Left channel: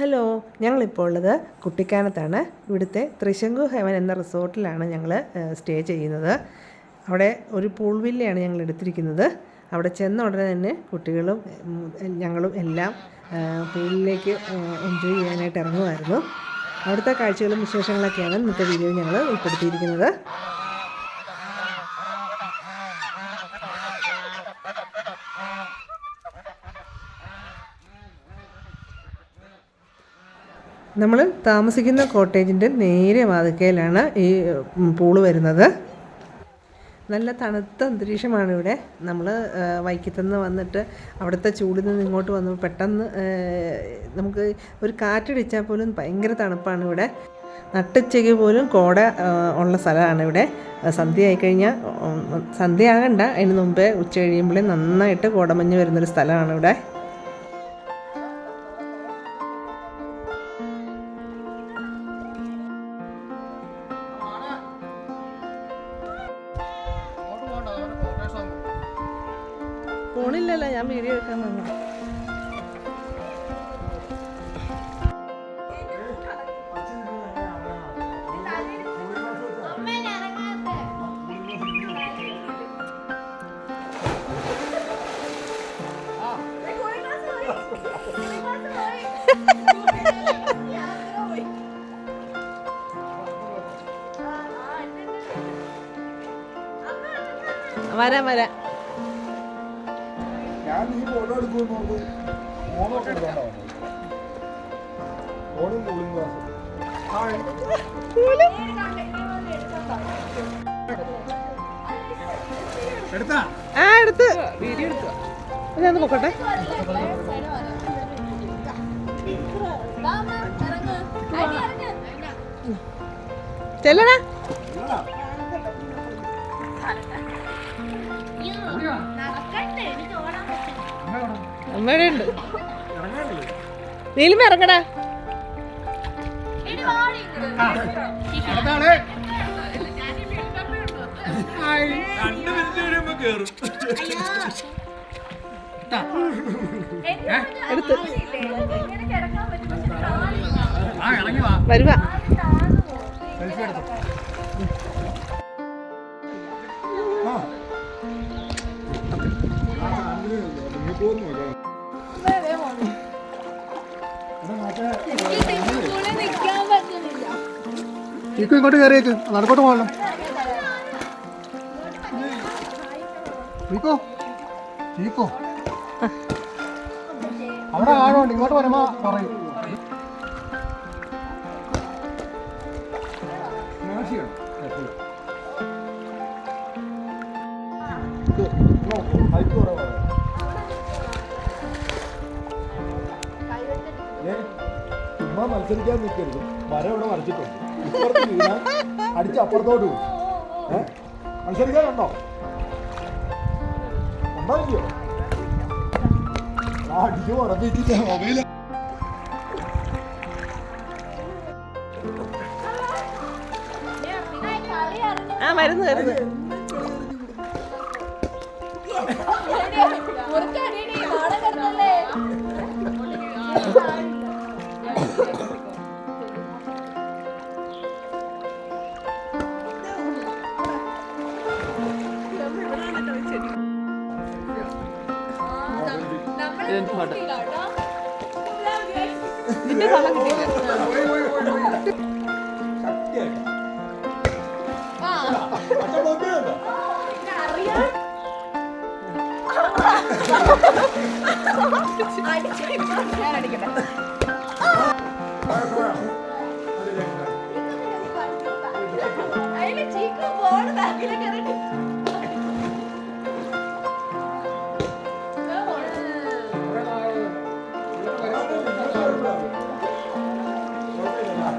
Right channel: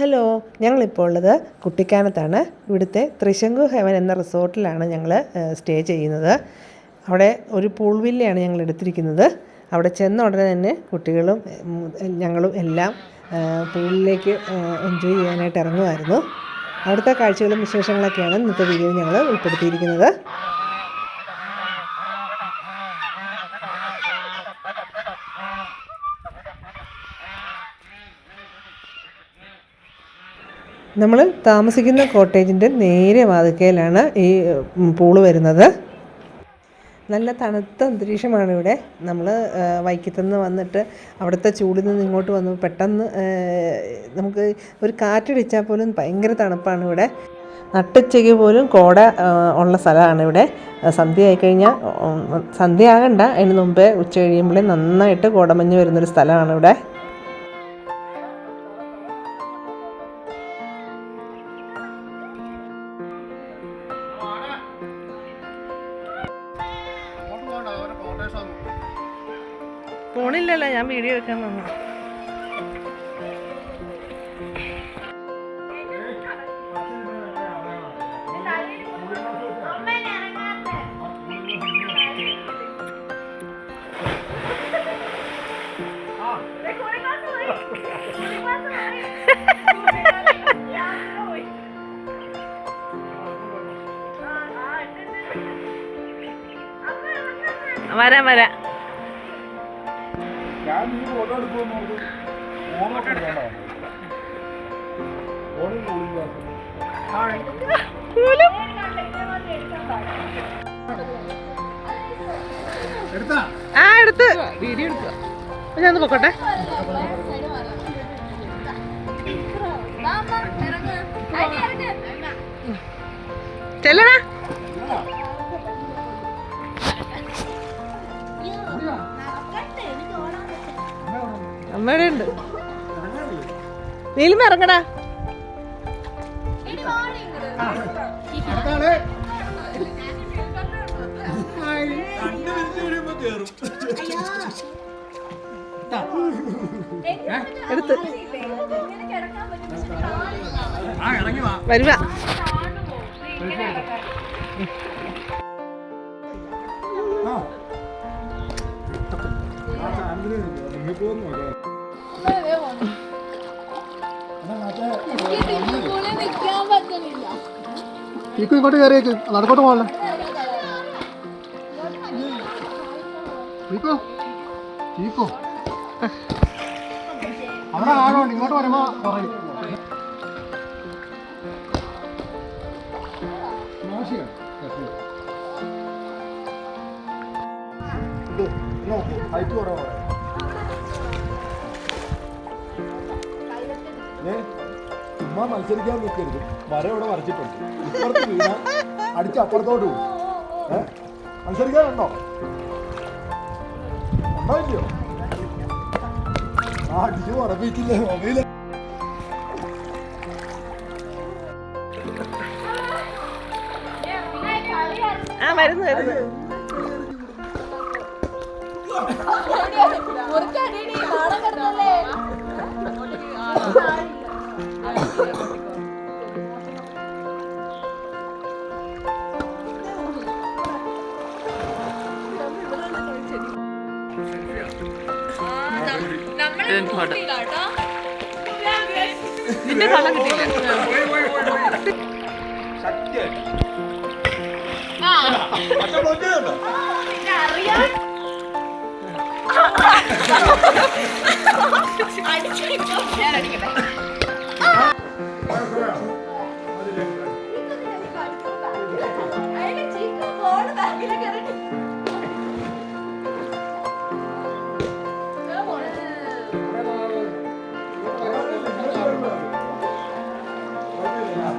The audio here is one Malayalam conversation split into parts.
ഹലോ ഞങ്ങളിപ്പോൾ ഉള്ളത് കുട്ടിക്കാനത്താണ്. ഇവിടുത്തെ ത്രിശങ്കു ഹെവൻ എന്ന റിസോർട്ടിലാണ് ഞങ്ങൾ സ്റ്റേ ചെയ്യുന്നത്. അവിടെ ഒരു പൂൾ വില്ലയാണ് ഞങ്ങൾ എടുത്തിരിക്കുന്നത്. അവിടെ ചെന്ന ഉടനെ തന്നെ കുട്ടികളും ഞങ്ങളും എല്ലാം പൂളിലേക്ക് എൻജോയ് ചെയ്യാനായിട്ട് ഇറങ്ങുമായിരുന്നു. അവിടുത്തെ കാഴ്ചകളും വിശേഷങ്ങളൊക്കെയാണ് ഇന്നത്തെ വീഡിയോ ഞങ്ങൾ ഉൾപ്പെടുത്തിയിരിക്കുന്നത്. നമ്മൾ താമസിക്കുന്ന കോട്ടേജിന്റെ നേരെ വാതിക്കയിലാണ് ഈ പൂൾ വരുന്നത്. നല്ല തണുത്ത അന്തരീക്ഷമാണ് ഇവിടെ. നമ്മൾ വൈക്കത്തുനിന്ന് വന്നിട്ട് അവിടുത്തെ ചൂടിൽ നിന്ന് ഇങ്ങോട്ട് വന്നു. പെട്ടെന്ന് നമുക്ക് ഒരു കാറ്റടിച്ചാൽ പോലും ഭയങ്കര തണുപ്പാണ് ഇവിടെ. നട്ടുച്ചയ്ക്ക് പോലും കോട ഉള്ള സ്ഥലമാണ് ഇവിടെ. സന്ധ്യ ആയിക്കഴിഞ്ഞാൽ സന്ധ്യ ആകണ്ട. അതിന് മുമ്പേ ഉച്ച കഴിയുമ്പോഴേ നന്നായിട്ട് കോടമഞ്ഞ് വരുന്നൊരു സ്ഥലമാണ് ഇവിടെ. ഫോണില്ലല്ലോ ഞാൻ വീഡിയോ എടുക്കാൻ വന്നു. ഗ്ലാസ് വരാം. ആ എടുത്ത്. വീഡിയോ എടുക്കുക. ഞാൻ പൊക്കോട്ടെ. ചെല്ലടാ. അമ്മയുടെ ഉണ്ട് നീലും ഇറങ്ങടാ. അടുത്താളെ രണ്ട് മിനിറ്റ് കഴിയുമ്പോ കേറും എടുത്ത്. ആ ഇറങ്ങി വാ. വരുക ആ. ചീക്കു ഇങ്ങോട്ട് കയറിയേക്ക്. നടക്കോട്ട് പോകല്ലേ ചീക്കോ ഇങ്ങോട്ട് വരുമ്പോ പറയും. ചുമ്മാ മത്സരിക്കാൻ നിൽക്കരുത് വര ഇവിടെ വരച്ചിട്ടുണ്ട്. ഇപ്പുറത്ത് അടിച്ച് അപ്പുറത്തോട്ട് പോകും മത്സരിക്കാനുണ്ടോ? ഉണ്ടോ ഇല്ലയോ ആ അടിച്ച് ഉറപ്പിച്ചില്ലേ മൊബൈൽ ആ വരുന്നു വരുന്നു. നാളെ കിടന്നല്ലേ നിന്റെ കള്ളം കിട്ടിയില്ല. അതിന്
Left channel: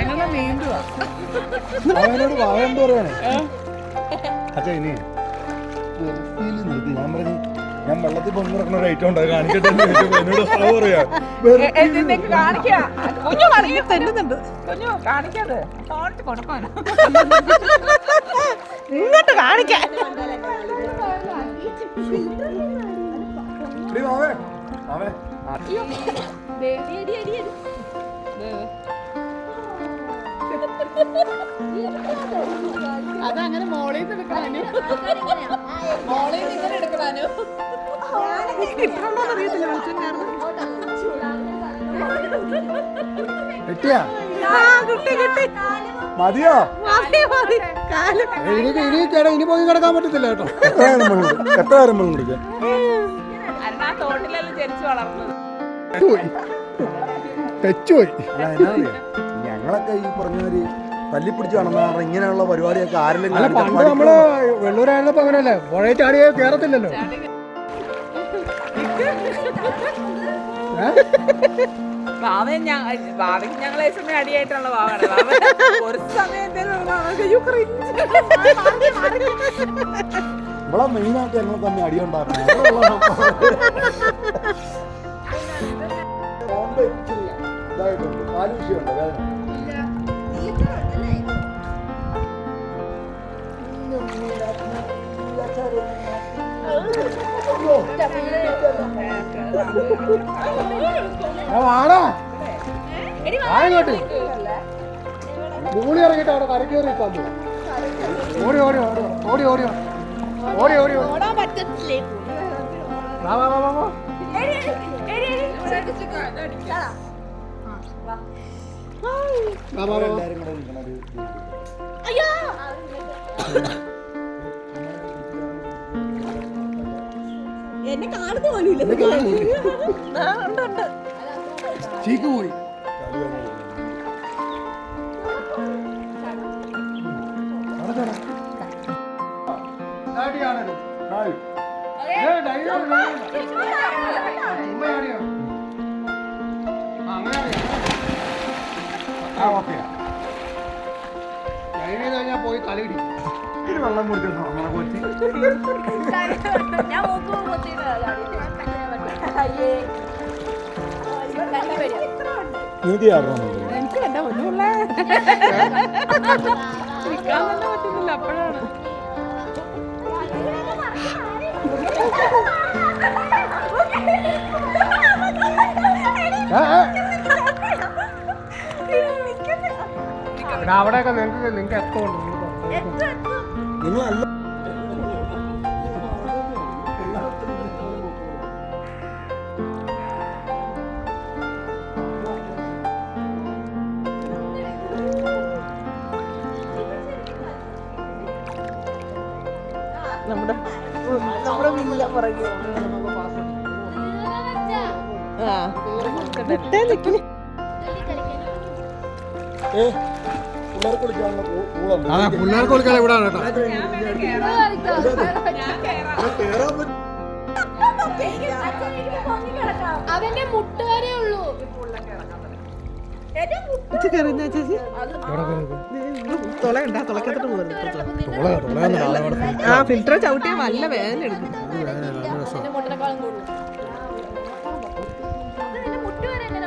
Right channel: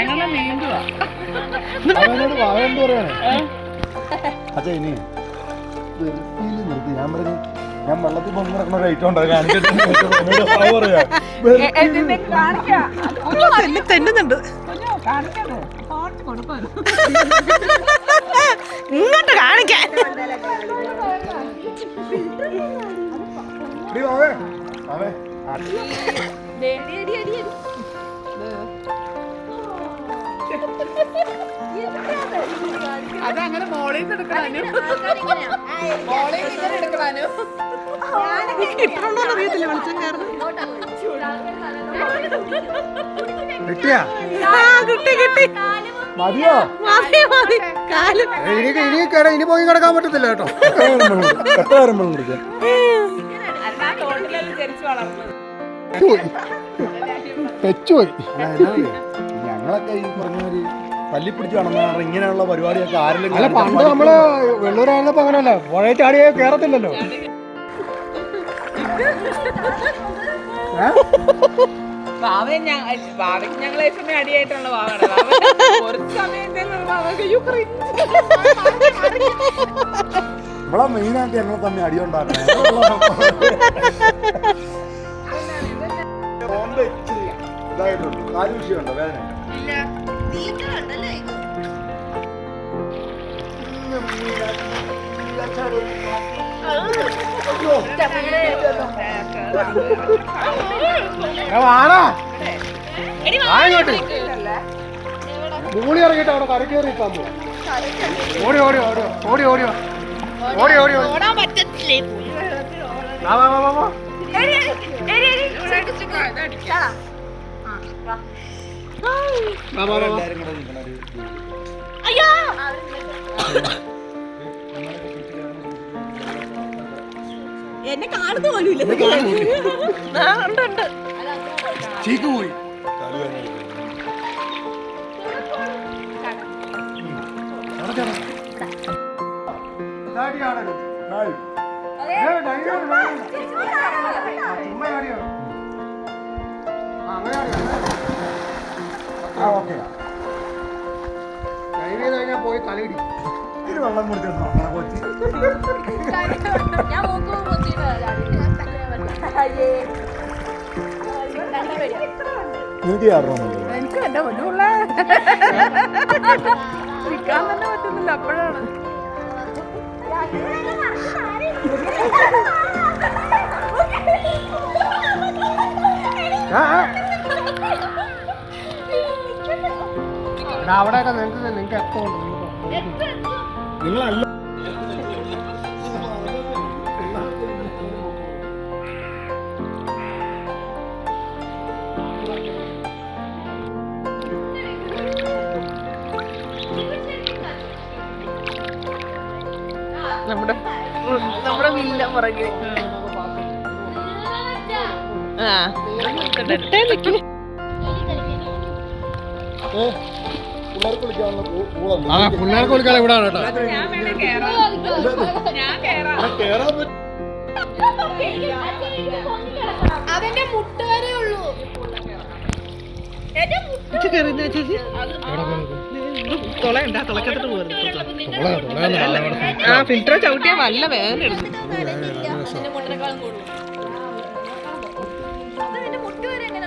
ഇനി വെള്ളം അവനോട് വാഴണ്ട് പറയാണ് അച്ഛാ ഇനി വെറുപ്പിയിൽ നിർത്തി. ഞാൻ പറഞ്ഞു ഞാൻ വെള്ളത്തിൽ പൊങ്ങി നടക്കുന്ന ഒരു ഐറ്റം ഉണ്ട് അത് കാണിക്കട്ടെ അതെ തെന്നുന്നുണ്ട്. ഇങ്ങോട്ട് കാണിക്കാൻ. എടീ മാമേ, അതങ്ങനെ മോളിൽ നിന്ന് എടുക്കാനും മോളിൽ നിന്ന് എടുക്കാനും അറിയത്തില്ല വെളിച്ചം കാരണം കിട്ടിയാ? കിട്ടി കിട്ടി. മതിയോ? ഇനി ഇനി കേടാ ഇനി പോയി കിടക്കാൻ പറ്റത്തില്ല കേട്ടോ. എത്ര നേരം വെള്ളം കുടിക്കാൻ അല്ല ആ തോട്ടിലെല്ലാം ജനിച്ചു വളർന്നത്. തെച്ചുപോയി ഞങ്ങളൊക്കെ ഈ പറഞ്ഞൊരു പല്ലി പിടിച്ച് ഇങ്ങനെയുള്ള പരിപാടിയൊക്കെ ആരെങ്കിലും അല്ല പണ്ട് നമ്മൾ വെള്ളൂരായിരുന്നപ്പോ അങ്ങനെയല്ല പുഴയെ ചാടിയ കേറത്തില്ലല്ലോ. ഞങ്ങളെ സമയം അടിയായിട്ടുള്ള ബാവാണ് നമ്മളെ മെയിനായിട്ട് ഞങ്ങൾ തമ്മിൽ അടിയുണ്ടാക്കണം. ഉണ്ടാക്കണം ഇതായിട്ടുണ്ട്. കാൽ വിഷയമുണ്ടോ വേദന. നീക്കുന്നുണ്ടല്ലേ വാടാ. ആ ഇങ്ങോട്ട്. മൂളി ഇറങ്ങിട്ട് അവിടെ കരക്ക് കയറി തന്നു ഓടി ഓടി ഓടി ഓടി ഓടി ഓടി. ഓടി ഓടി ഓടാൻ പറ്റത്തില്ലേ വാ വാ വാ വാ. എന്നെ കാണുന്ന പോലും ഇല്ല. ചീക്ക് പോയി. ആ ഓക്കെയാ പോയി തലയിടി ഇത് വെള്ളം കുടിച്ചിട്ടോ അങ്ങനെ കൊച്ചു ഞാൻ മൂക്ക് നീതി ആറണമെന്നില്ല എനിക്ക് എന്റെ മുന്നുള്ള നിൽക്കാൻ തന്നെ പറ്റുന്നില്ല അപ്പോഴാണ് നിങ്ങളല്ല. നമ്മുടെ നമ്മുടെ വില്ല പുറകെ. ആ. വിട്ടേ നിക്ക്. ആ പിള്ളേർക്ക് കളിക്കാൻ ഇവിടെ ആണ് അവന്റെ മുട്ട വരെ ഉള്ളൂ. ഫിൽറ്റർ ചവിട്ടിയ നല്ല വേദന എടുക്കും. മുട്ട വരെ എങ്ങനെ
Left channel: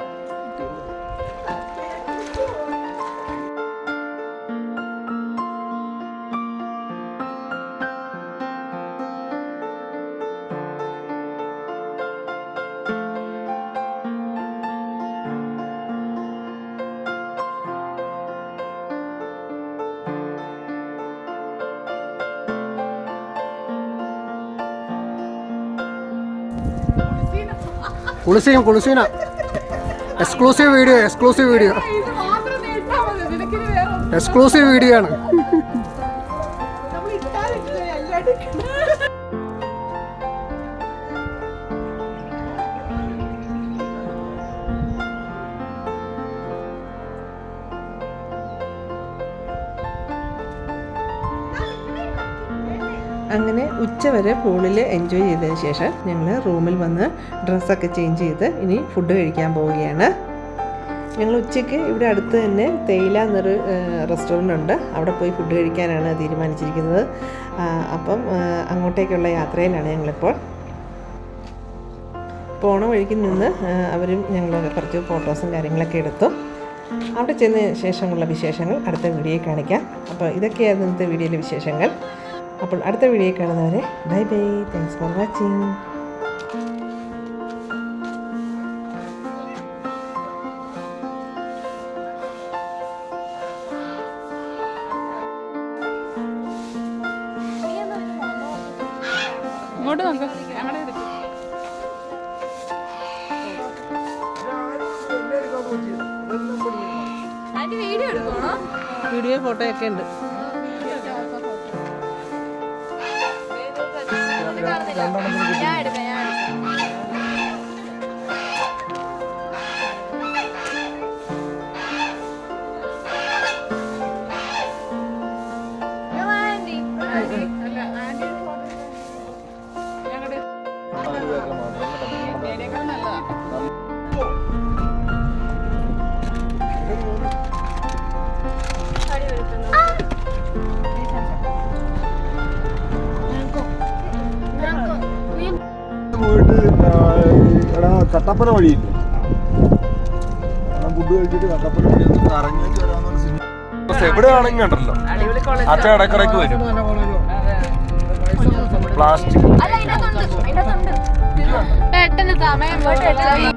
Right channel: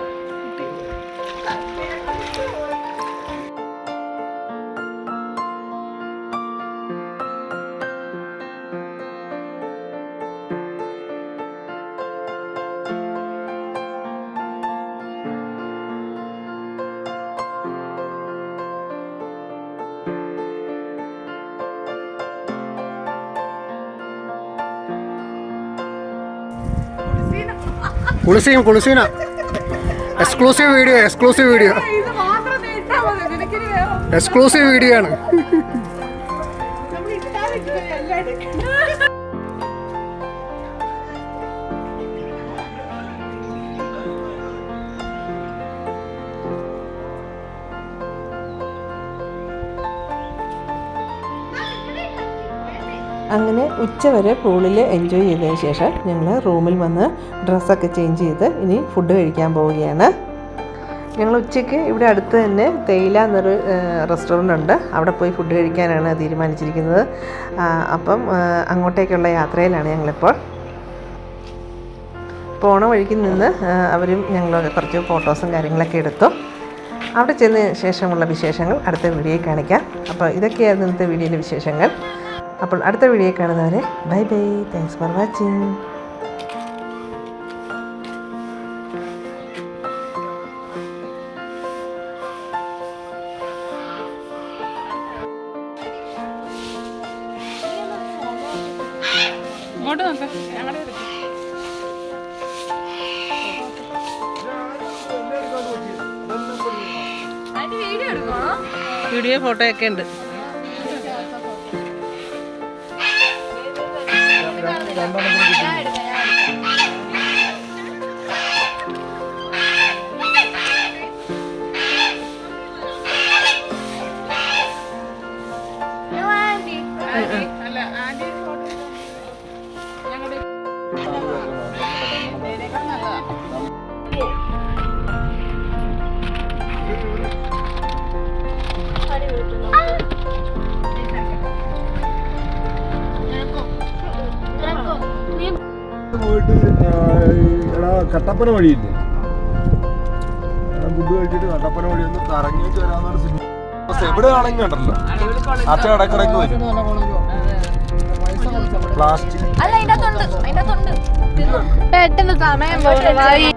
കുളിസീം കുളിസീന. Exclusive video exclusive video exclusive video ആണ്. അങ്ങനെ ഉച്ചവരെ പൂളിൽ എൻജോയ് ചെയ്തതിന് ശേഷം ഞങ്ങൾ റൂമിൽ വന്ന് ഡ്രസ്സൊക്കെ ചേഞ്ച് ചെയ്ത് ഇനി ഫുഡ് കഴിക്കാൻ പോവുകയാണ്. ഞങ്ങൾ ഉച്ചയ്ക്ക് ഇവിടെ അടുത്ത് തന്നെ തേയില എന്നൊരു റെസ്റ്റോറന്റ് ഉണ്ട്. അവിടെ പോയി ഫുഡ് കഴിക്കാനാണ് തീരുമാനിച്ചിരിക്കുന്നത്. അപ്പം അങ്ങോട്ടേക്കുള്ള യാത്രയിലാണ് ഞങ്ങളിപ്പോൾ. പോണ വഴിക്ക് നിന്ന് അവരും ഞങ്ങൾ കുറച്ച് ഫോട്ടോസും കാര്യങ്ങളൊക്കെ എടുത്തു. അവിടെ ചെന്ന ശേഷമുള്ള വിശേഷങ്ങൾ അടുത്ത വീഡിയോയിൽ കാണിക്കാം. അപ്പോൾ ഇതൊക്കെയായിരുന്നു ഇന്നത്തെ വീഡിയോയിലെ വിശേഷങ്ങൾ. അപ്പോൾ അടുത്ത വീഡിയോ കാണുന്നവരെ bye bye. Thanks for watching ഇങ്ങോട്ട് നോക്ക്. ഞങ്ങളുടെ വീഡിയോ വീഡിയോ ഫോട്ടോയൊക്കെ ഉണ്ട്. രണ്ടെണ്ണത്തിന് കിട്ടി ഞാൻ പോയിട്ട് എടാ കട്ടപ്പന വഴിയില്ലേ ഫുഡ് കഴിച്ചിട്ട് കട്ടപ്പന വഴി ഒന്ന് കറങ്ങിയിട്ട് വരാന്നുള്ള സിനിമ എവിടെ ആണെങ്കിൽ ഉണ്ടല്ലോ അച്ഛ ഇടക്കിടക്ക് വരും. നല്ല കോളേജും പൈസ പ്ലാസ്റ്റിക് പെട്ടെന്ന് സമയം പോകുന്നു